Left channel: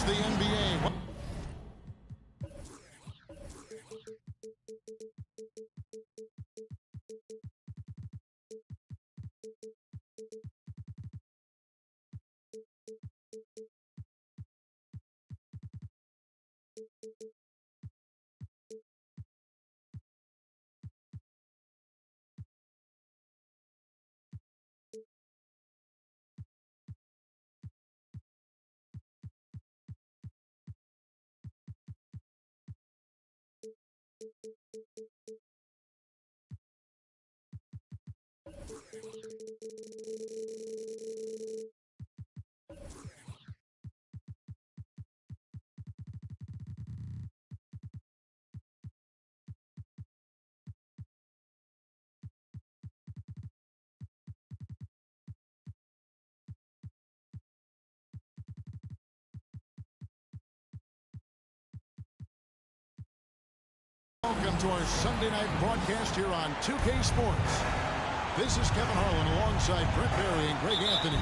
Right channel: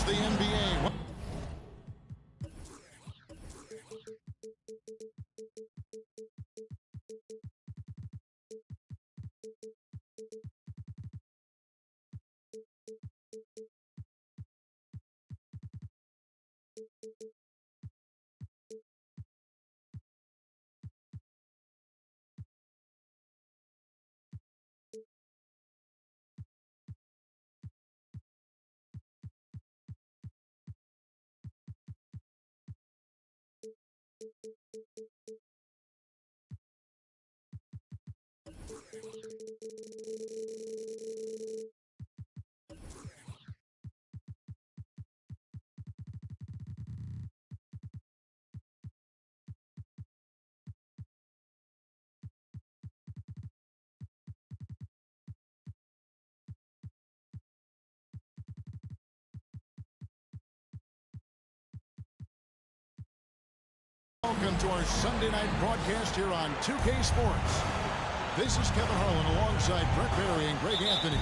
It's the NBA. Welcome to our Sunday night broadcast here on 2K Sports. This is Kevin Harlan alongside Brent Barry and Greg Anthony.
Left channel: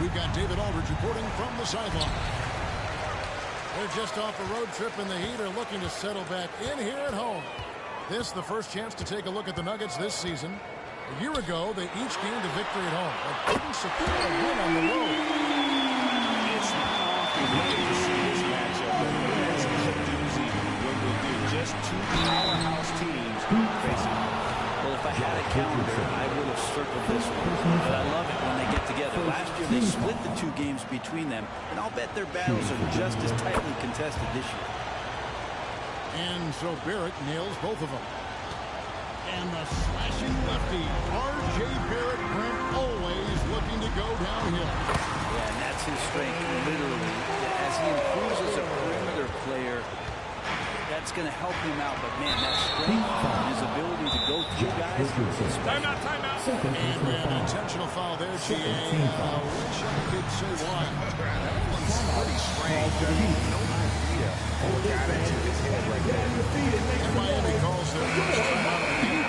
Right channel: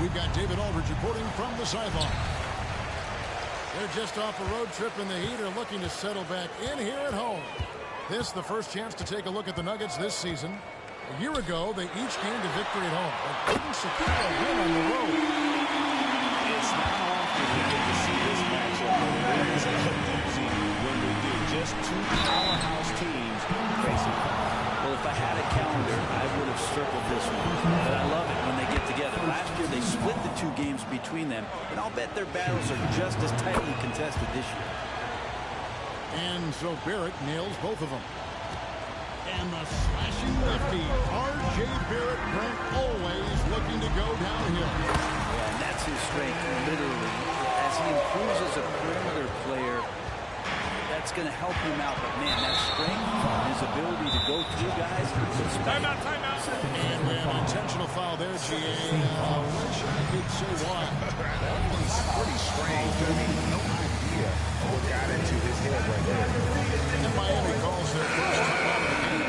We've got David Aldridge reporting from the sideline. They're just off a road trip in the heat, are looking to settle back in here at home. This the first chance to take a look at the Nuggets this season. A year ago, they each gained a victory at home, but couldn't secure a win on the road. It's not often we get to see this matchup, but it is a doozy when we do. Just two powerhouse teams facing. Well, if I had a calendar, I would have circled this one. But I love it when they get together. Last year, they split the two games between them, and I'll bet their battles are just as tightly contested this year. And so Barrett nails both of them. And the slashing lefty, R.J. Barrett, Brent, always looking to go downhill. Yeah, and that's his strength, literally. As he improves as a perimeter player, that's going to help him out. But, man, that strength, his ability to go through guys, is special. Timeout. And we have an intentional foul there, G.A. Wish I could say why. That one's pretty strange. I mean, no idea what got into his head right there. And Miami calls their first timeout of the game.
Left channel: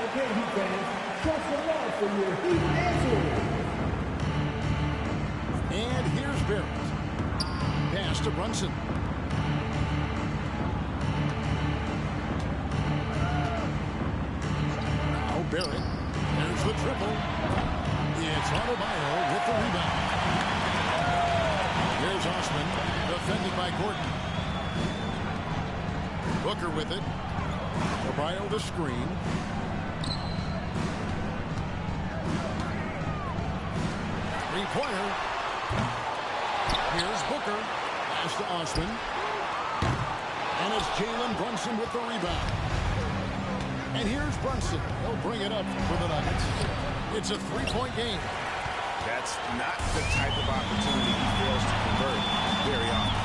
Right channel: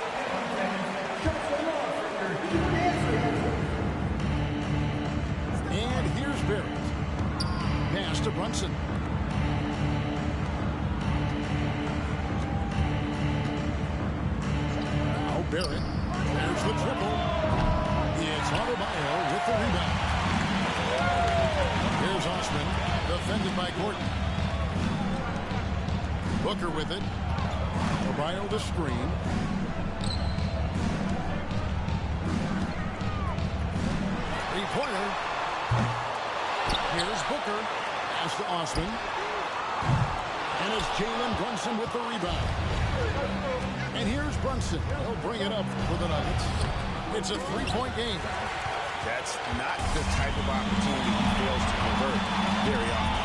Okay, Heat fans, show some love for your Heat answer. And here's Barrett. Pass to Brunson. Now Barrett. There's the triple. It's Adebayo with the rebound. Here's Osman, defended by Gordon. Booker with it. Adebayo the screen. Three-pointer. Here's Booker. Pass to Osman. And it's Jalen Brunson with the rebound. And here's Brunson. He'll bring it up for the Nuggets. It's a three-point game. That's not the type of opportunity he fails to convert very often.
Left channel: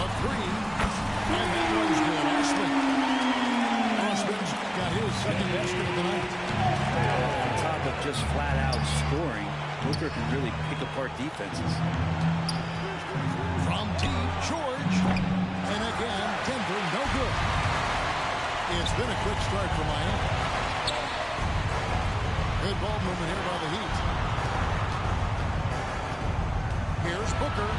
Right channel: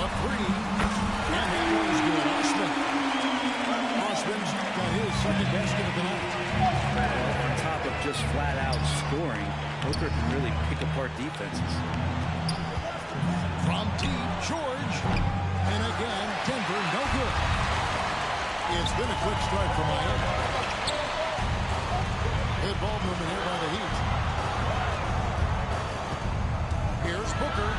A three. And that one's good. Osman's got his second basket of the night. Well, on top of just flat-out scoring, Booker can really pick apart defenses. From deep, George. And again, Denver, no good. It's been a quick start for Miami. Good ball movement here by the Heat. Here's Booker.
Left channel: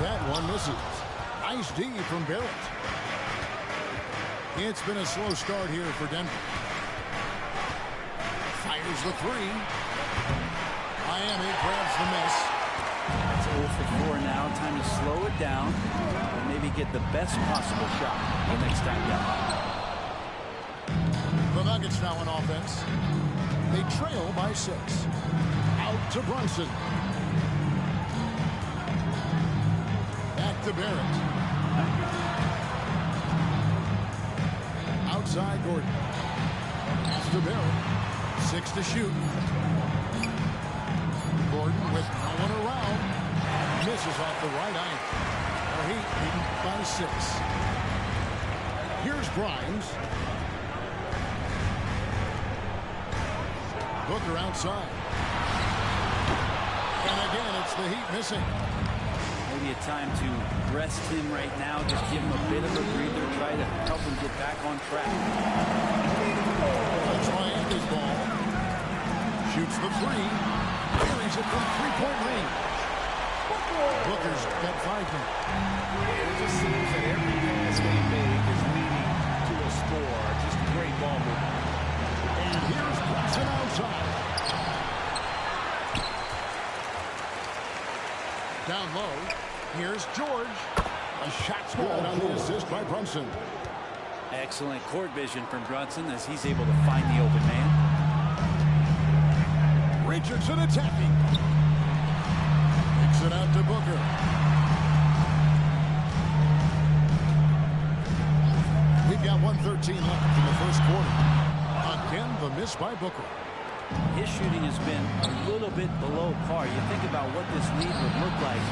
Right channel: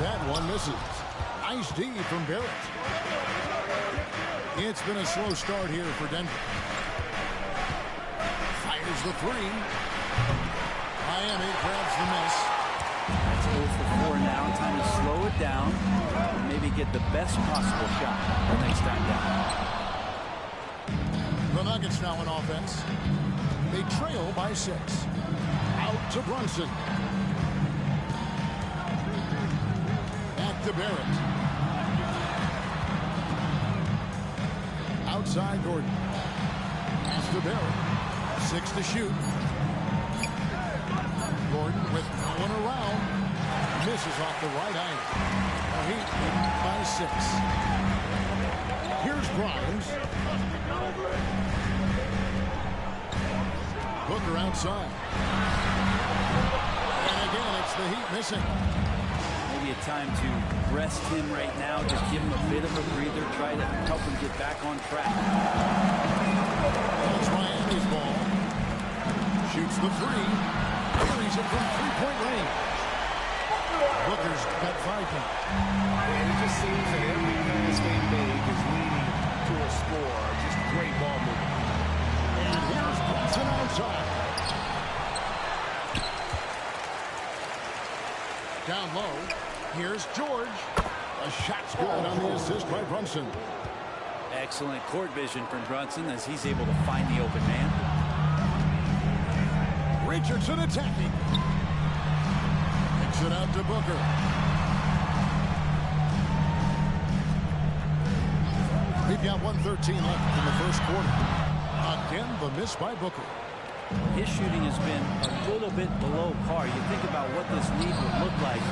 That one misses. Nice D from Barrett. It's been a slow start here for Denver. Fires the three. Miami grabs the miss. That's 0 for 4 now. Time to slow it down and maybe get the best possible shot the next time down. The Nuggets now in offense. They trail by 6. Out to Brunson. Back to Barrett. Outside Gordon. Pass to Barrett. 6 to shoot. Gordon with no one around. Misses off the right ankle. The Heat leading by 6. Here's Grimes. Booker outside. And again, it's the Heat missing. Maybe a time to rest him right now. Just give him a bit of a breather. Try to help him get back on track. It's Miami's ball. Shoots the three. Carries it from three-point range. Booker's got 5 now. And it just seems that every pass they make is leading to a score. Just great ball movement. And here's Brunson outside. Down low. Here's George. A shot's good on the assist by Brunson. Excellent court vision from Brunson as he's able to find the open man. Richardson attacking. Kicks it out to Booker. We've got 1:13 left in the first quarter. Again, the miss by Booker. His shooting has been a little bit below par. You think about what this lead would look like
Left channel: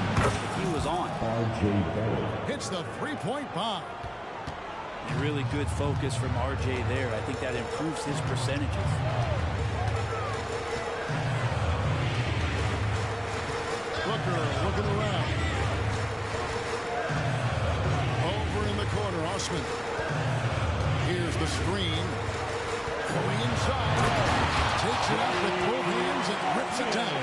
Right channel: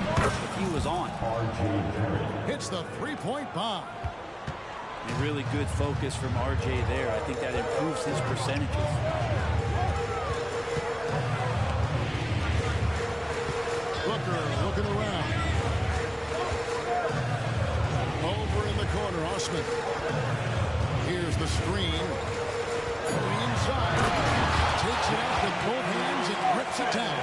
if he was on. Hits the three-point bomb. A really good focus from RJ there. I think that improves his percentages. Booker looking around. Over in the corner, Osman. Here's the screen. Going inside. Takes it out with both hands and rips it down.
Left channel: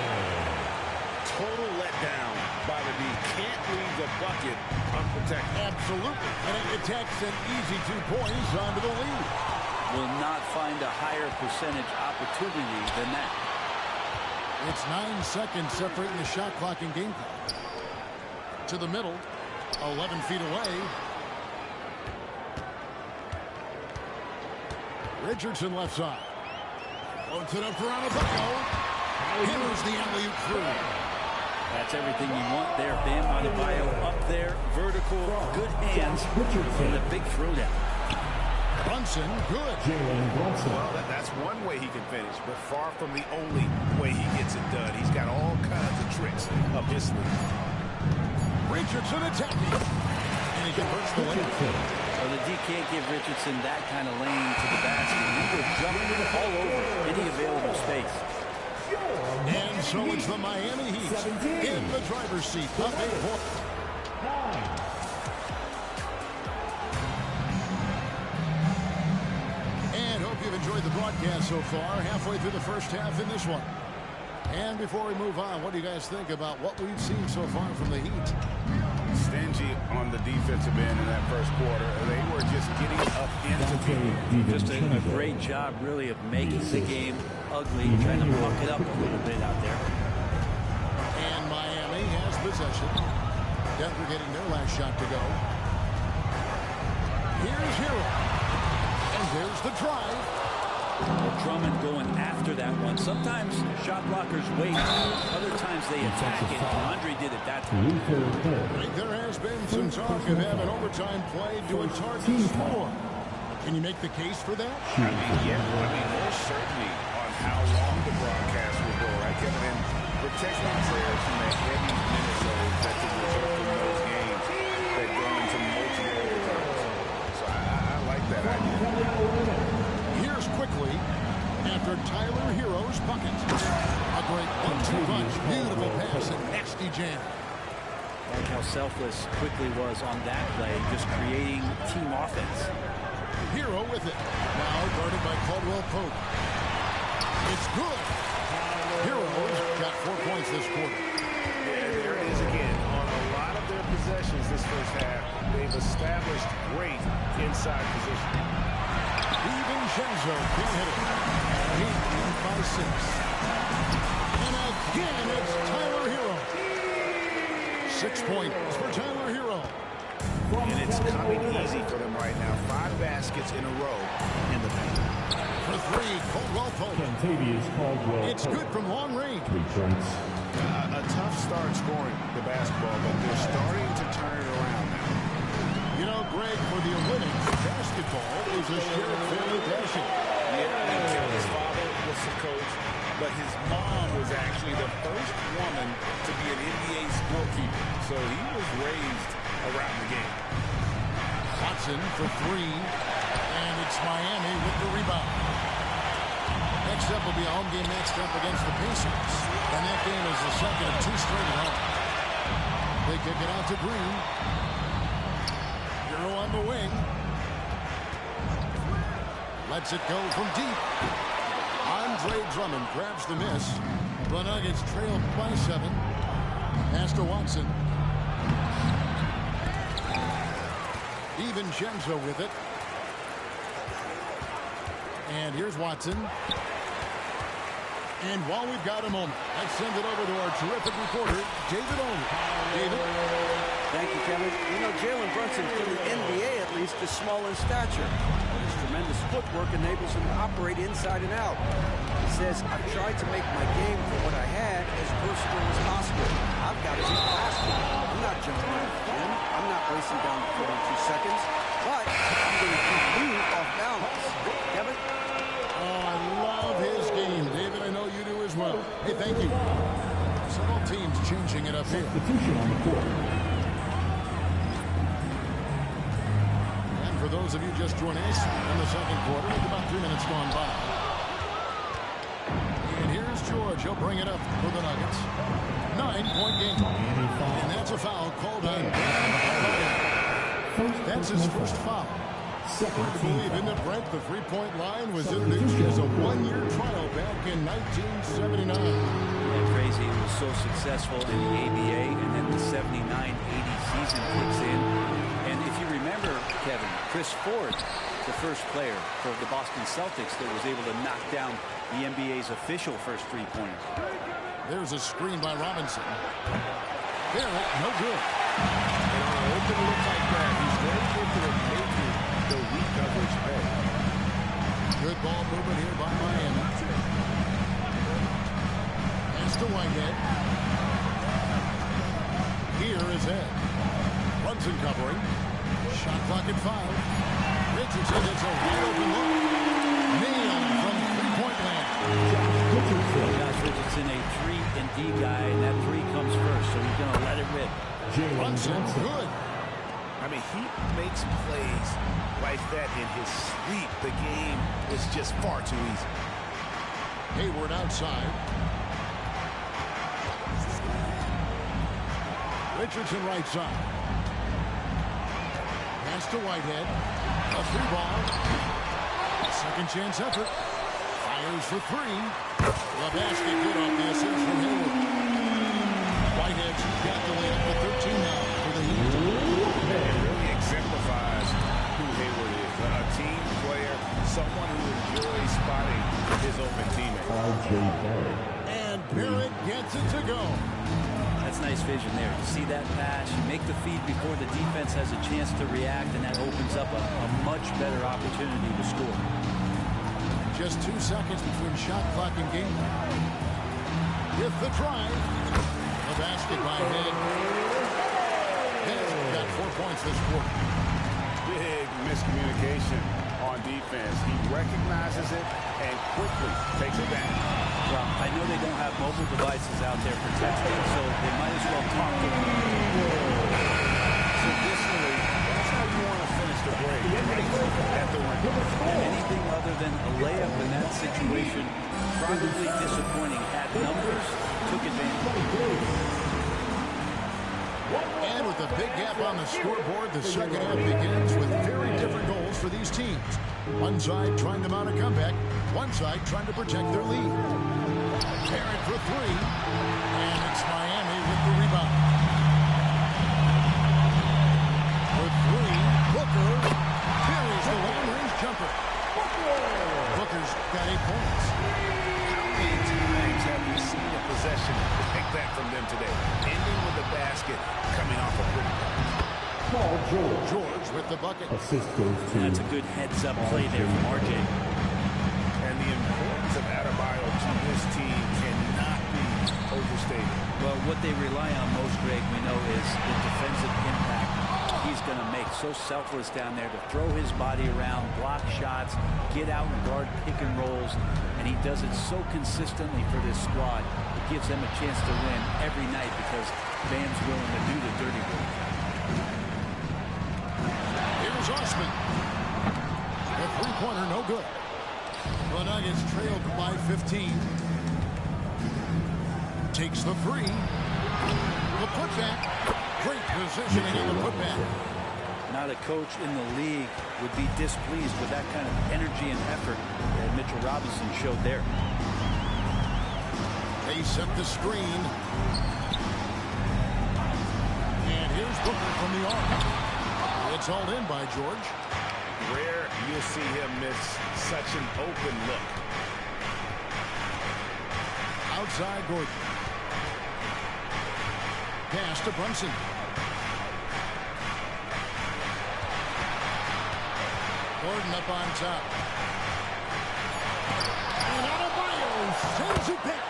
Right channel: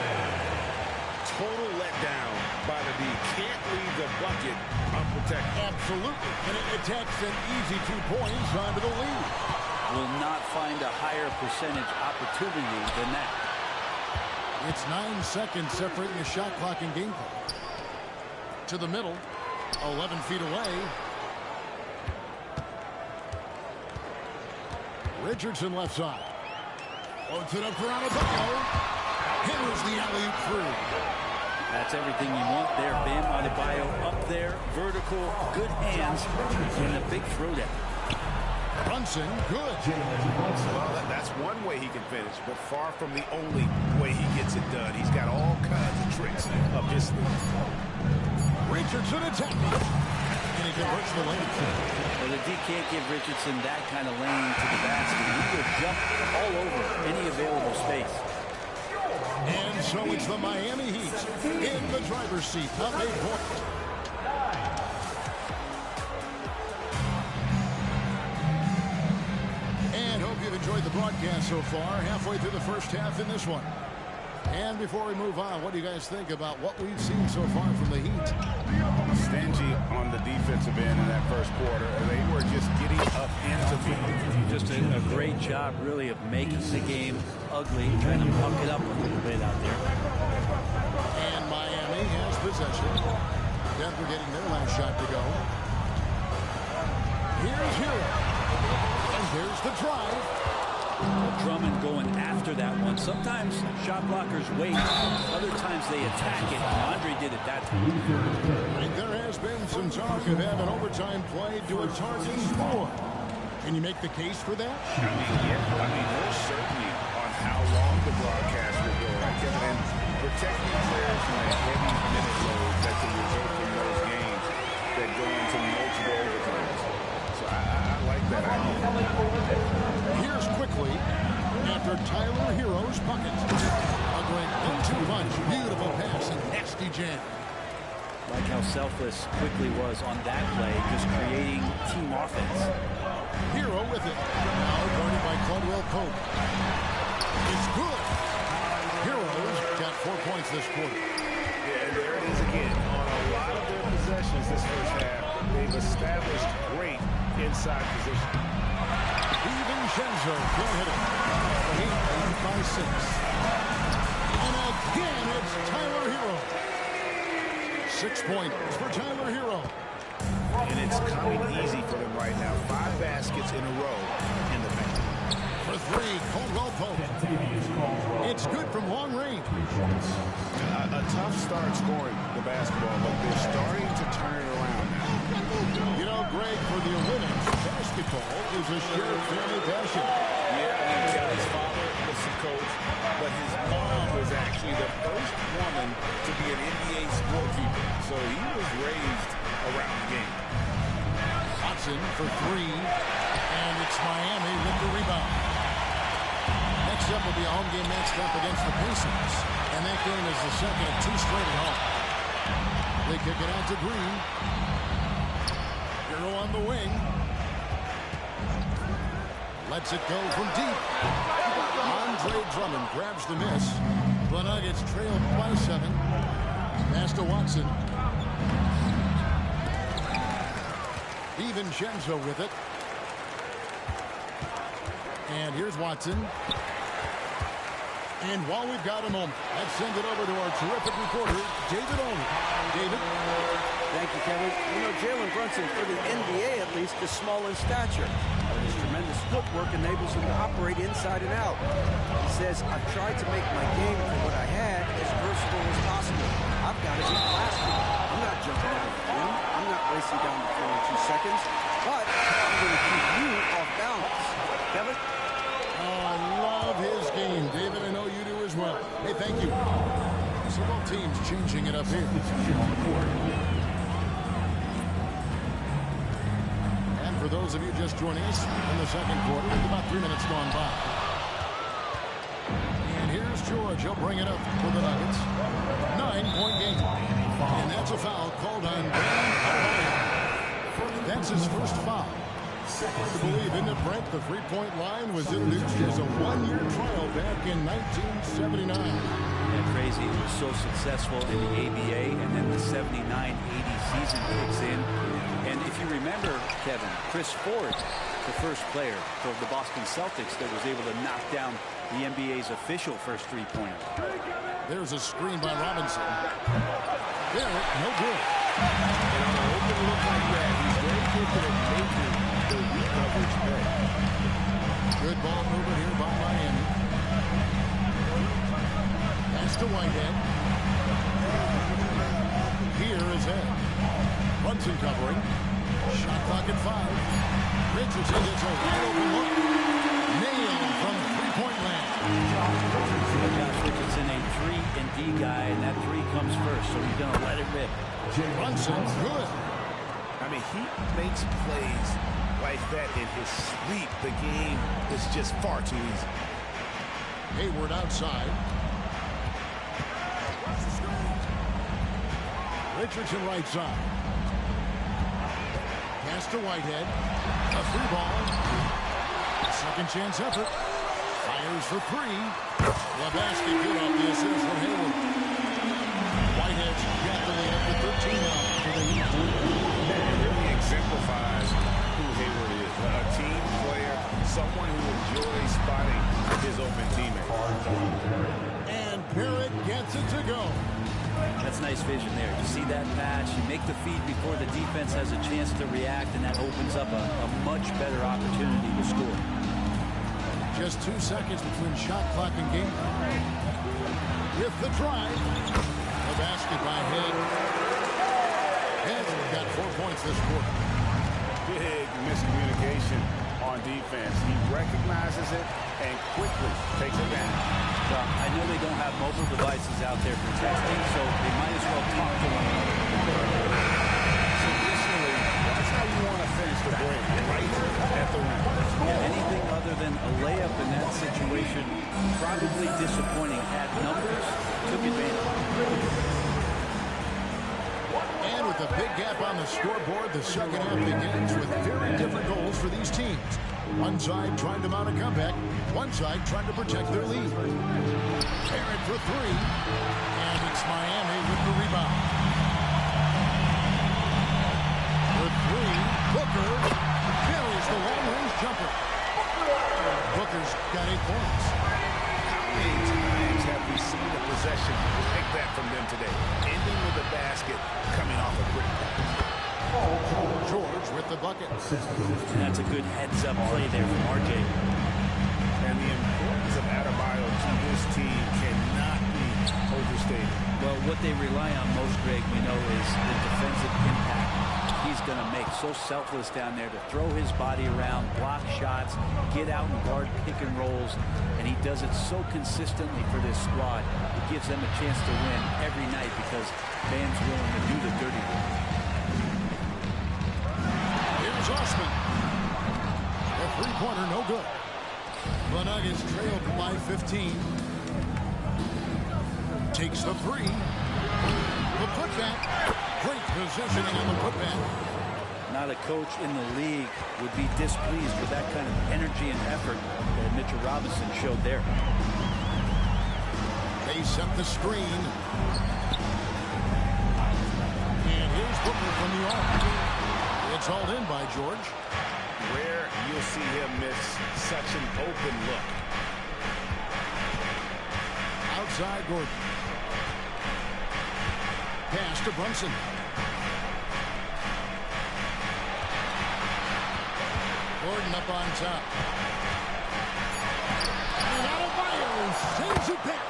Total letdown by the D. Can't leave the bucket unprotected. Absolutely. And it attacks an easy 2 points onto the lead. Will not find a higher percentage opportunity than that. It's 9 seconds separating the shot clock and game clock. To the middle. 11 feet away. Richardson left side. Floats it up for Adebayo. Hammers the alley-oop through. That's everything you want there. Bam Adebayo up there. Vertical. Good hands in the big throwdown. Brunson, good. Well, that's one way he can finish, but far from the only way he gets it done. He's got all kinds of tricks up his sleeve. Richardson attacking. And he converts the lane. Well, the D can't give Richardson that kind of lane to the basket. He will jump all over any available space. And so it's the Miami Heat in the driver's seat. Up 8 points. And hope you've enjoyed the broadcast so far. Halfway through the first half in this one. And before we move on, what do you guys think about what we've seen so far from the Heat? Stingy on the defensive end in that first quarter. They were just getting up into people. Just a great job, really, of making the game ugly, trying to muck it up a little bit out there. And Miami has possession. Denver getting their last shot to go. Here's Hero. And there's the drive. Well, Drummond going after that one. Sometimes shot blockers wait. Other times they attack it. And Andre did it that time. I think there has been some talk of having overtime played to a target score. Can you make the case for that? Yeah. Most certainly on how long the broadcast will go, right, Kevin? And protecting players from the heavy minute loads that can result from those games that go into multiple overtimes. So I like that idea. Here's quickly after Tyler Hero's bucket. A great 1-2 punch. Beautiful pass and nasty jam. Like how selfless quickly was on that play, just creating team offense. Hero with it. Now guarded by Caldwell Pope. It's good. Heroes got 4 points this quarter. Yeah, there it is again. On a lot of their possessions this first half, they've established great inside position. DiVincenzo can't hit it. The Heat lead by 6. And again, it's Tyler Hero. 6 points for Tyler Hero. And it's coming easy for them right now. 5 baskets in a row in the paint. For 3, Caldwell Pope. It's good from long range. 3 points. A tough start scoring the basketball, but they're starting to turn it around now. You know, Greg, for the Olympics, basketball is a shared family passion. Yeah, Kelly's father was the coach, but his mom was actually the first woman to be an NBA scorekeeper. So he was raised around the game. Watson for 3, and it's Miami with the rebound. Next up will be a home game matched up against the Pacers, and that game is the second of 2 straight at home. They kick it out to Green. Hero on the wing. Lets it go from deep. Andre Drummond grabs the miss. The Nuggets trailed by 7. Pass to Watson. DiVincenzo with it. And here's Watson. And while we've got a moment, let's send it over to our terrific reporter, David Aldridge. David? Thank you, Kevin. You know, Jalen Brunson, for the NBA at least, is small in stature. But his tremendous footwork enables him to operate inside and out. He says, I've tried to make my game for what I had as versatile as possible. I've got to be plastic. I'm not jumping out of the gym. I'm not racing down the floor in 2 seconds. But I'm going to keep you off balance. Kevin? Oh, I love his game. David, I know you do as well. Hey, thank you. So both teams changing it up here. Substitution on the court. And for those of you just joining us in the second quarter, with about 3 minutes gone by. And here's George. He'll bring it up for the Nuggets. 9-point game. And that's a foul called on Bam Adebayo. That's his first foul. Hard to believe, isn't it, Brent? The three-point line was introduced as a one-year trial back in 1979. Yeah, crazy. It was so successful in the ABA, and then the 79-80 season kicks in. And if you remember, Kevin, Chris Ford, the first player for the Boston Celtics that was able to knock down the NBA's official first three-pointer. There's a screen by Robinson. Barrett, no good. And on an open look like that, he's very gifted at making the weak coverage pay. Good ball movement here by Miami. Pass to Whitehead. Here is Ed. Brunson covering. Shot clock at 5. Richardson gets a wide open look. Nailed from three-point land. Josh Richardson, a 3-and-D guy, and that 3 comes first, so he's going to let it rip. Brunson, good. I mean, he makes plays like that in his sleep. The game is just far too easy. Hayward outside. Richardson right side. Pass to Whitehead. A 3-ball. A second chance effort. Fires for 3. The basket good off the assist from Hayward. Whitehead's got the lead up to 13 now for the Heat. And it really exemplifies who Hayward is. A team player, someone who enjoys spotting his open teammates. And Barrett gets it to go. That's nice vision there. You see that pass, you make the feed before the defense has a chance to react, and that opens up a much better opportunity to score. Just 2 seconds between shot clock and game. With the drive. The basket by Head. Head's got 4 points this quarter. Big miscommunication on defense. He recognizes it and quickly takes advantage. Well, I know they don't have mobile devices out there for texting, so they might as well talk to one another. Traditionally, that's how you want to finish the break, right at the rim. Yeah, anything other than a layup in that situation, probably disappointing. Had numbers, took advantage. And with a big gap on the scoreboard, the second half begins with very different goals for these teams. One side trying to mount a comeback, one side trying to protect their lead. Barrett for 3, and it's Miami with the rebound. For 3, Booker buries the long-range jumper. Booker's got 8 points. How many times have we seen a possession like that from them today? Ending with a basket, coming off a pretty pass. George with the bucket. And that's a good heads-up play there from RJ. And the importance of Adebayo to this team cannot be overstated. Well, what they rely on most, Greg, we know, is the defensive impact he's going to make. So selfless down there to throw his body around, block shots, get out and guard pick and rolls. And he does it so consistently for this squad. It gives them a chance to win every night because Bam's willing to do the dirty work. Here's Osman. The three-pointer, no good. The Nuggets trailed by 15. Takes the 3. The putback. Great positioning on the putback. Not a coach in the league would be displeased with that kind of energy and effort that Mitchell Robinson showed there. They set the screen. And here's Booker from the arc. It's hauled in by George. Rare you'll see him miss such an open look. Outside Gordon. Pass to Brunson. Gordon up on top. And Adebayo sends it back.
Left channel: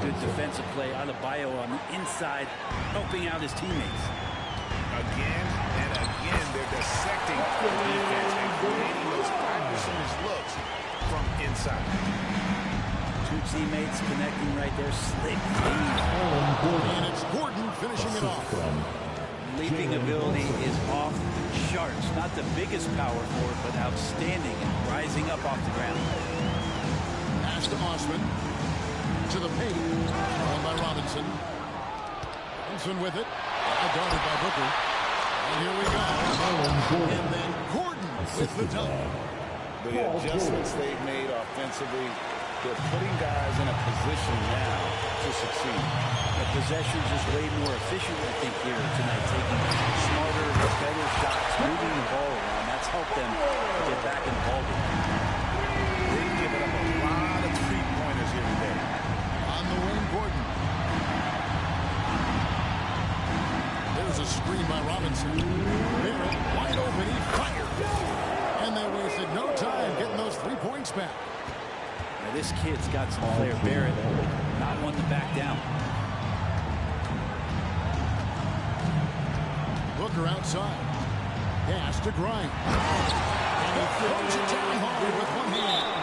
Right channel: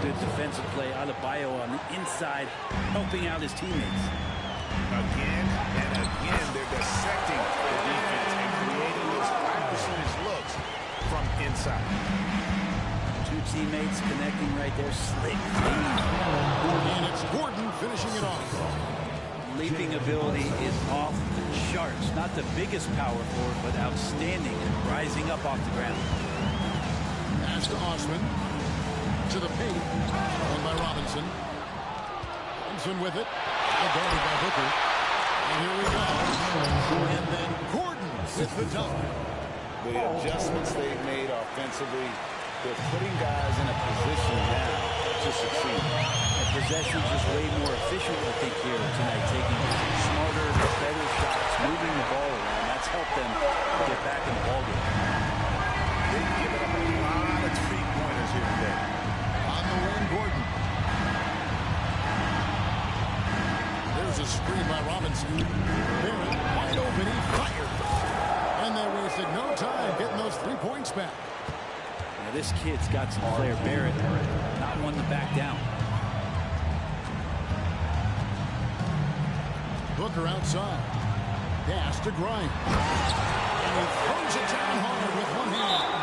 Good defensive play. Adebayo on the inside, helping out his teammates. Again and again, they're dissecting the defense and creating those high percentage looks from inside. Two teammates connecting right there. Slick. And it's Gordon finishing it off. Leaping ability is off the charts. Not the biggest power forward, but outstanding and rising up off the ground. Pass to Osman. To the paint. Won by Robinson. Robinson with it. Now guarded by Booker. And here we go. And then Gordon with the dunk. The adjustments they've made offensively, they're putting guys in a position now to succeed. The possession's just way more efficient, I think, here tonight. Taking smarter, better shots, moving the ball around. That's helped them get back in the ballgame. They've given up a lot of three-pointers here today. On the wing, Gordon. There's a screen by Robinson. Barrett wide open. He fires. And they wasted no time getting those 3 points back. Now this kid's got some flair. Barrett, not one to back down. Booker outside. Pass to Grimes. And he throws it down hard with one hand.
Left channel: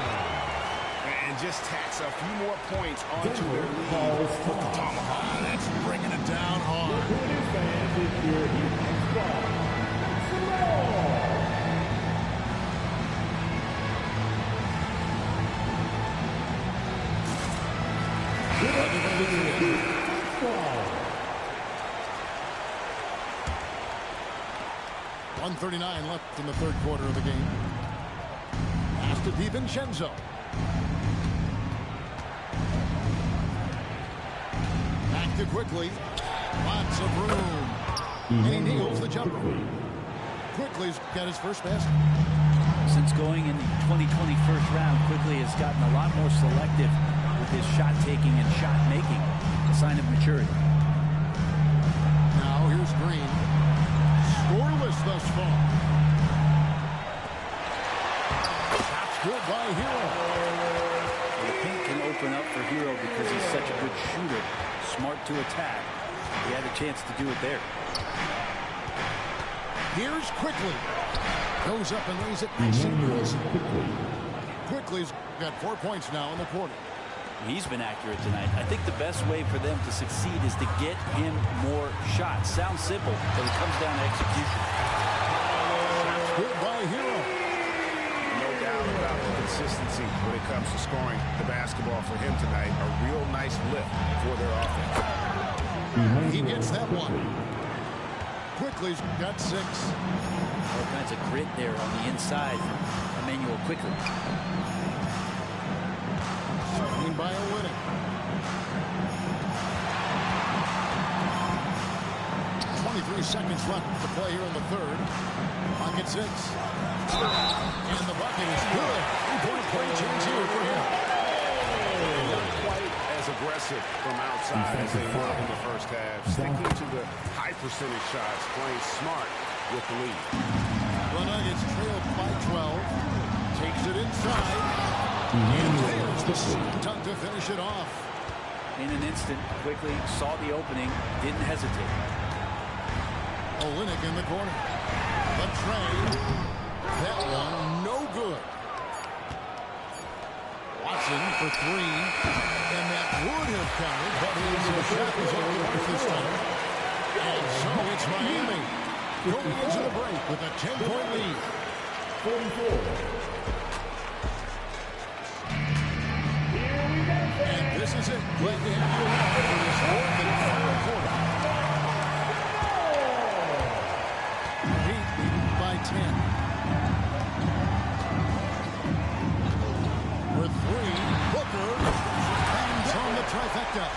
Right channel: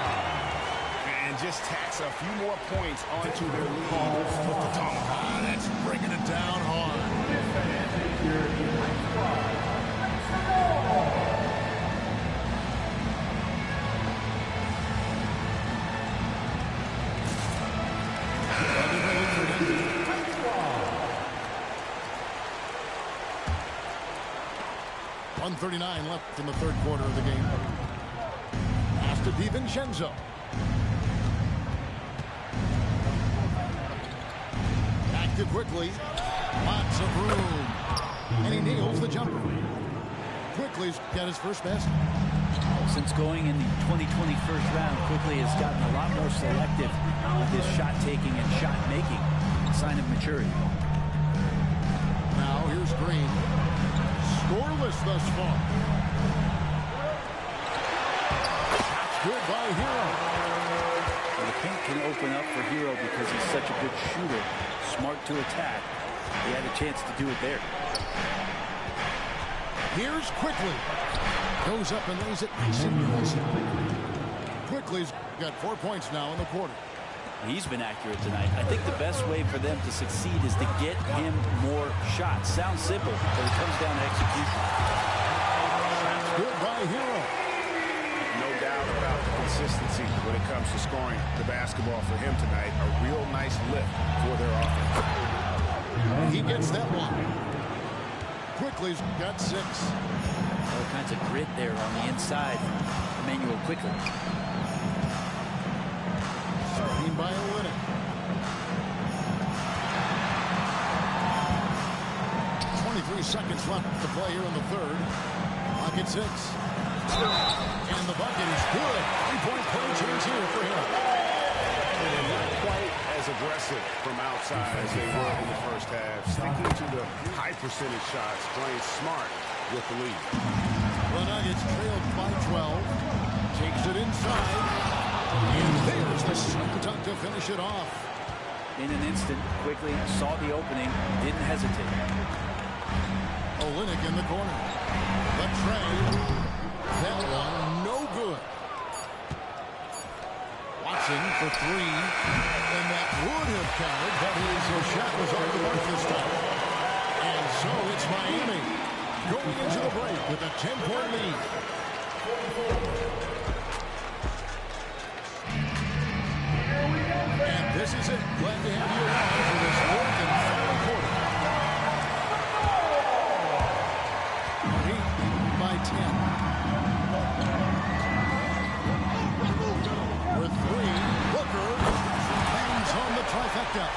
And just tacks a few more points onto their lead with the tomahawk. That's bringing it down hard. $1:39 left in the third quarter of the game. Pass to DiVincenzo. Back to Quickly. Lots of room. And he nails the jumper. Quickly's got his first basket. Since going in the 2020 first round, Quickly has gotten a lot more selective with his shot taking and shot making. A sign of maturity. Now here's Green. Scoreless thus far. Shot's good by Hero. Well, the paint can open up for Hero because he's such a good shooter. Smart to attack. He had a chance to do it there. Here's Quickly. Goes up and lays it nice and easy. Quickly's got 4 points now in the quarter. He's been accurate tonight. I think the best way for them to succeed is to get him more shots. Sounds simple, but it comes down to execution. Shot's good by Hero. No doubt about the consistency when it comes to scoring the basketball for him tonight. A real nice lift for their offense. He gets that one. Quickly's got 6. All kinds of grit there on the inside from Emmanuel Quickly. Screen by Olynyk. 23 seconds left to play here in the third. Clock at 6. And the bucket is good. 3-point play chance here for him. And not quite as aggressive from outside as they were in the first half. Sticking to the high percentage shots, playing smart with the lead. The Nuggets trailed by 12. Takes it inside. And there's the slam dunk to finish it off. In an instant, Quickly saw the opening, didn't hesitate. Olynyk in the corner. The tray. That one no good. Watson for 3. And that would have counted, but his shot was off the mark this time. And so it's Miami going into the break with a 10-point lead. And this is it. Glad to have you along for this fourth and final quarter. The Heat leading by 10. For 3, Booker bangs on the trifecta.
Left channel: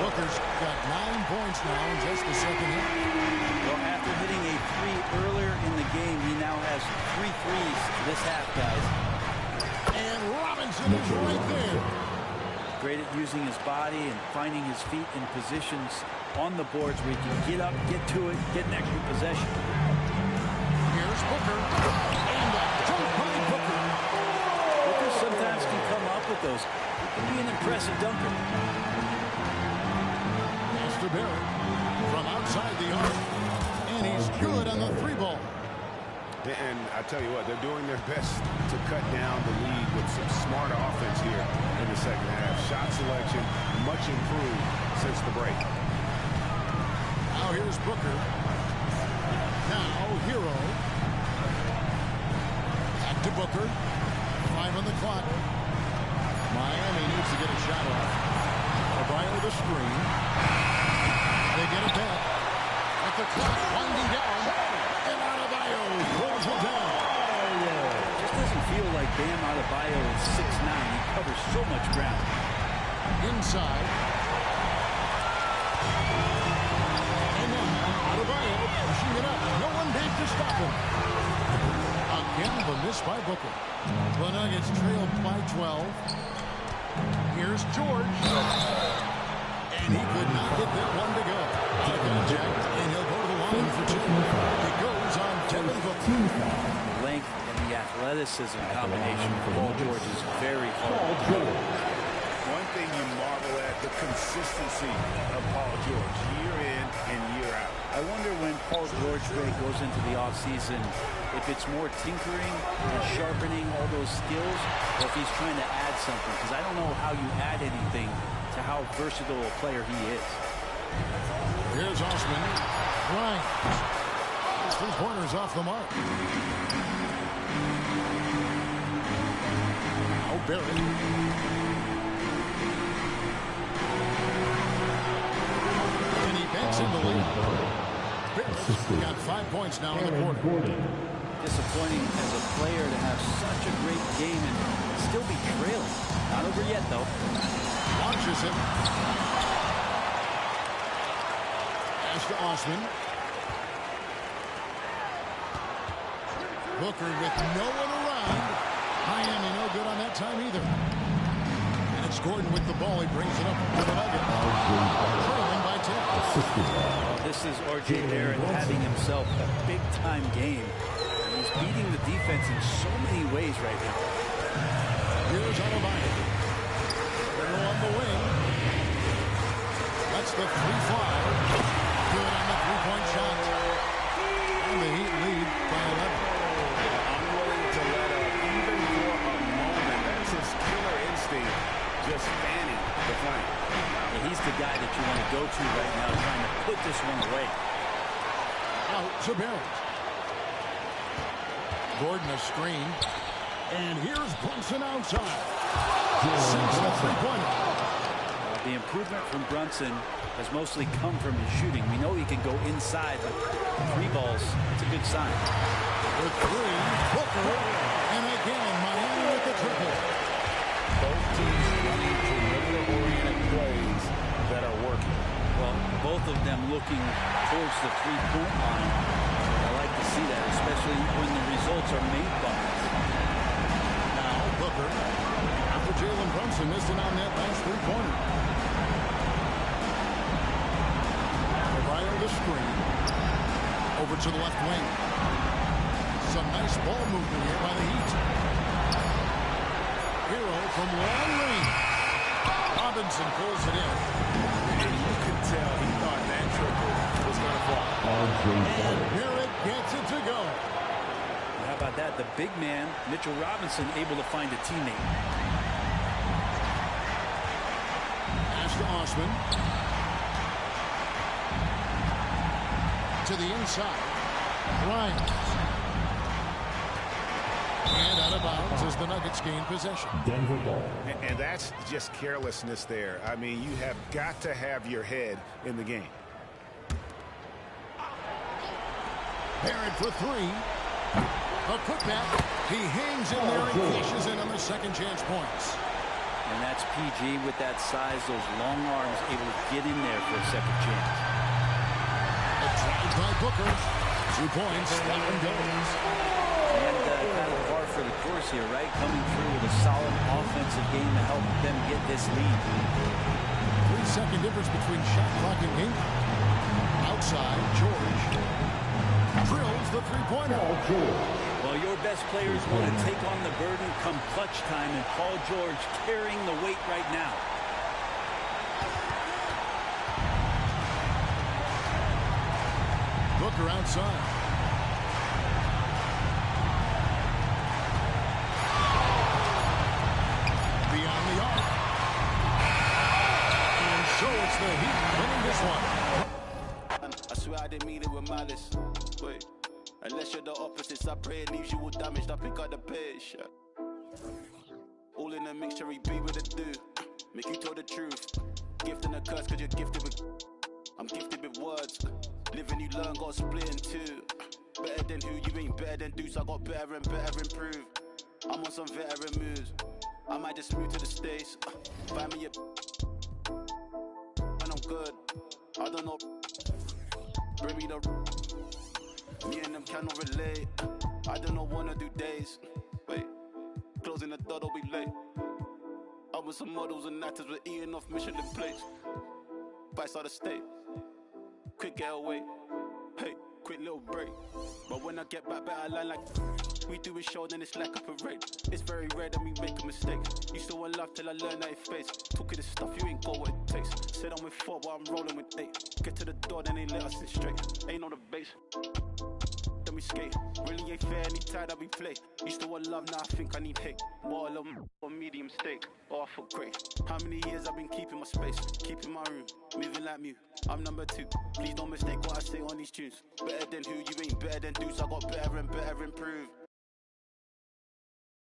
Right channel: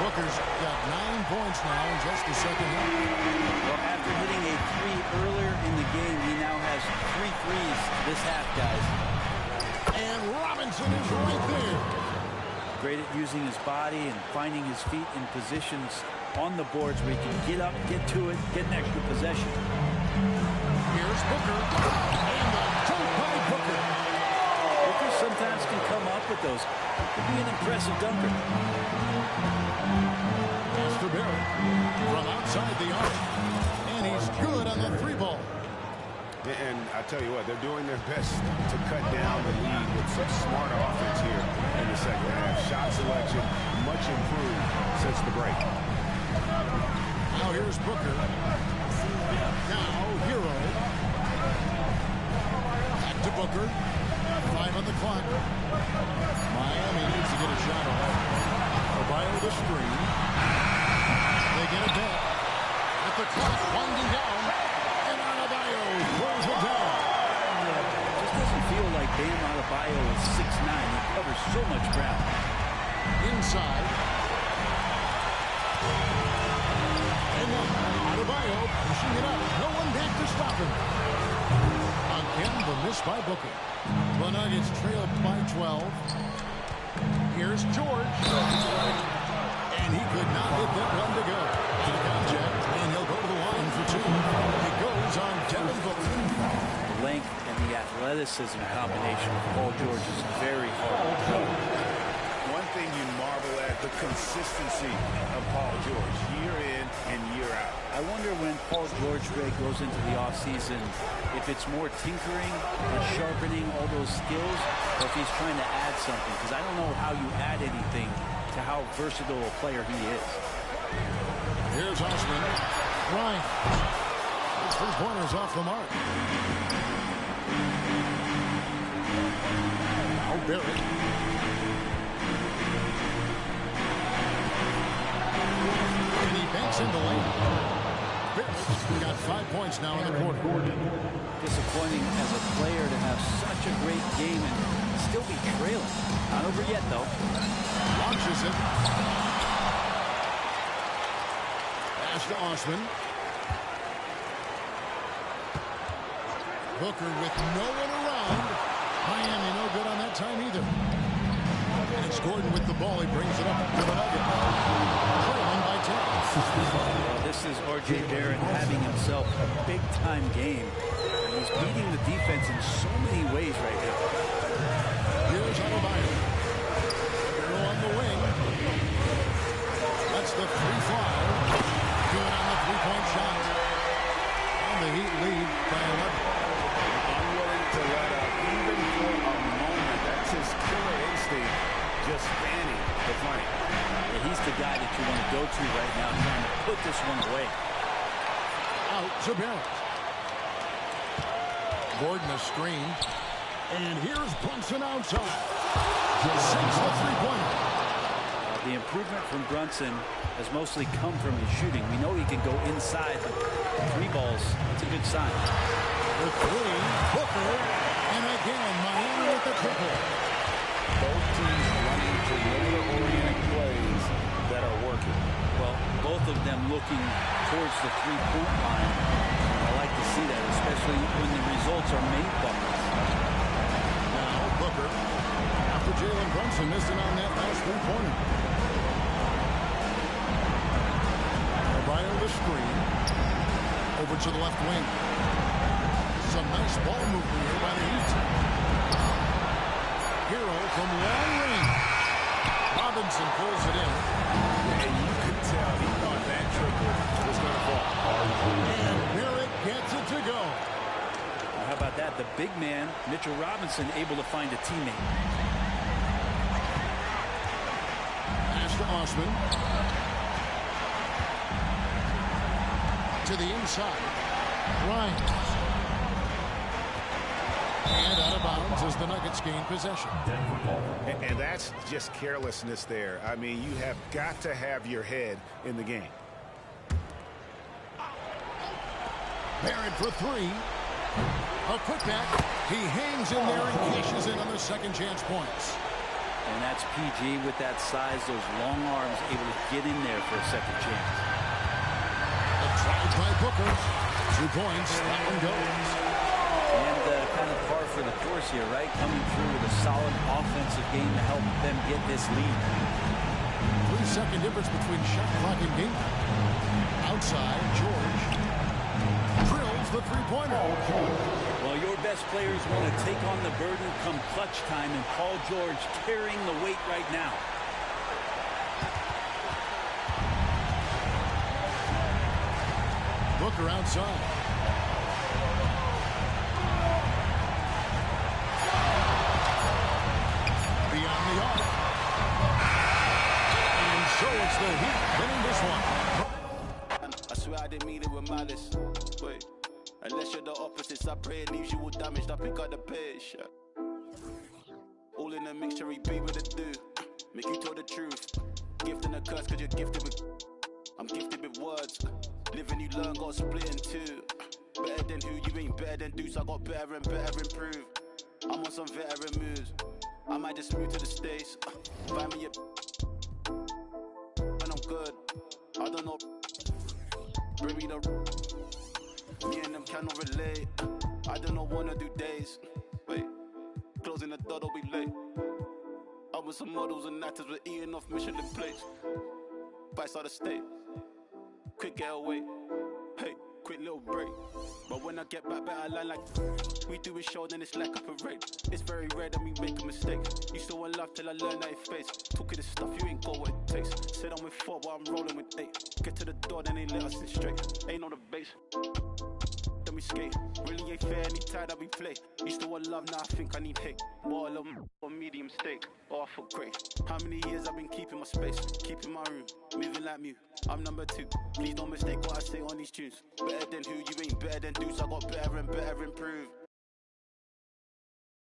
Booker's got 9 points now in just the second half. Well, after hitting a 3 earlier in the game, he now has 3 threes this half, guys. And Robinson is right there. Great at using his body and finding his feet in positions on the boards where he can get up, get to it, get an extra possession. Here's Booker. And a dunk by Booker. Booker sometimes can come up with those. He can be an impressive dunker. Pass to Barrett from outside the arc. And he's good on the 3 ball. And I tell you what, they're doing their best to cut down the lead with some smart offense here in the second half. Shot selection much improved since the break. Now here's Booker. Now Hero. Back to Booker. 5 on the clock. Miami needs to get a shot off. Adebayo the screen. They get it back. With the clock winding down. And Adebayo throws it down. Just doesn't feel like Bam Adebayo is 6'9". He covers so much ground. Inside. And now Adebayo pushing it up. No one back to stop him. Again, the miss by Booker. The Nuggets trail by 12. Here's George. And he could not get that one to go. Out of contact, and he'll go to the line for 2. It goes on Devin Booker. The length and the athleticism combination of Paul George is very hard to go. One thing you marvel at, the consistency of Paul George, year in and year out. I wonder when Paul George, Greg, goes into the offseason, if it's more tinkering and sharpening all those skills, or if he's trying to add something. Because I don't know how you add anything to how versatile a player he is. Here's Osman. Bryant. His 3-pointers off the mark. Now Barrett. And he banks in the lane. Barrett's got 5 points now in the quarter. Disappointing as a player to have such a great game and still be trailing. Not over yet, though. Launches it. Pass to Osman. Booker with no one around. Miami no good on that time either. And it's Gordon with the ball. He brings it up to the Nuggets. Trailing by 10. Well, this is R.J. Barrett having himself a big-time game. And he's beating the defense in so many ways right now. Here's Adebayo. They're on the wing. Lets the 3 fly. Good on the 3-point shot. And the Heat lead by 11. Unwilling to let up, even for a moment. That's his killer instinct, just fanning the flame. Yeah, he's the guy that you want to go to right now, trying to put this one away. Out to Barrett. Gordon a screen. And here's Brunson outside. Sinks the 3-pointer. The improvement from Brunson has mostly come from his shooting. We know he can go inside, but 3 balls, that's a good sign. The 3, Booker, and again, Miami with the triple. Both teams running perimeter-oriented plays that are working. Well, both of them looking towards the 3-point line. And I like to see that, especially when the results are made buckets. Now, Booker, after Jalen Brunson missed it on that last 3-pointer. Adebayo the screen. Over to the left wing. Some nice ball movement here by the Heat. Hero from long range. Robinson pulls it in. And you could tell he thought that triple was going to fall. And Barrett gets it to go. How about that? The big man, Mitchell Robinson, able to find a teammate. Pass to Osman. To the inside. Bryant. And out of bounds as the Nuggets gain possession. And that's just carelessness there. I mean, you have got to have your head in the game. Barrett for 3. A putback. He hangs in there and cashes in on the second chance points. And that's PG with that size, those long arms, able to get in there for a second chance. A drive by Booker. 2 points. That one goes. And kind of par for the course here, right? Coming through with a solid offensive game to help them get this lead. 3-second difference between shot clock and game time. Outside, George drills the three-pointer. Well, your best players want to take on the burden come clutch time, and Paul George carrying the weight right now. Booker outside. Beyond the arc. And so it's the Heat winning this one. I swear I didn't mean it with malice. Wait, unless you're the opposites, I pray it leaves you all damaged. I pick up the pace. All in a mixture, he be with a do. Make you tell the truth. Gift and a curse, cause you're gifted with. I'm gifted with words. Living you learn, got split in two. Better than who, you ain't better than dudes. I got better and better improve. I'm on some veteran moves. I might just move to the States. Find me a. And I'm good. I don't know. Bring me the. Me and them cannot relate. I don't wanna do days. Wait. Closing the door, don't be late. I with some models and actors, we're eating off Michelin plates. Bites out of state. Quick getaway. Hey, quick little break. But when I get back, better line like we do a show, then it's like a parade. It's very rare that we make a mistake. Used to want love till I learned that it face. Talking this stuff, you ain't got what it takes. Said I'm with 4, but I'm rolling with 8. Get to the door, then they let us in straight. Ain't on the base. Then we skate. Really ain't fair any time that we play. Used to want love, now I think I need hate. More love or medium steak. Oh, I feel great. How many years I've been keeping my space, keeping my room, moving like Mew. I'm number 2. Please don't mistake what I say on these tunes. Better than who, you ain't better than dudes. I got better and better improve.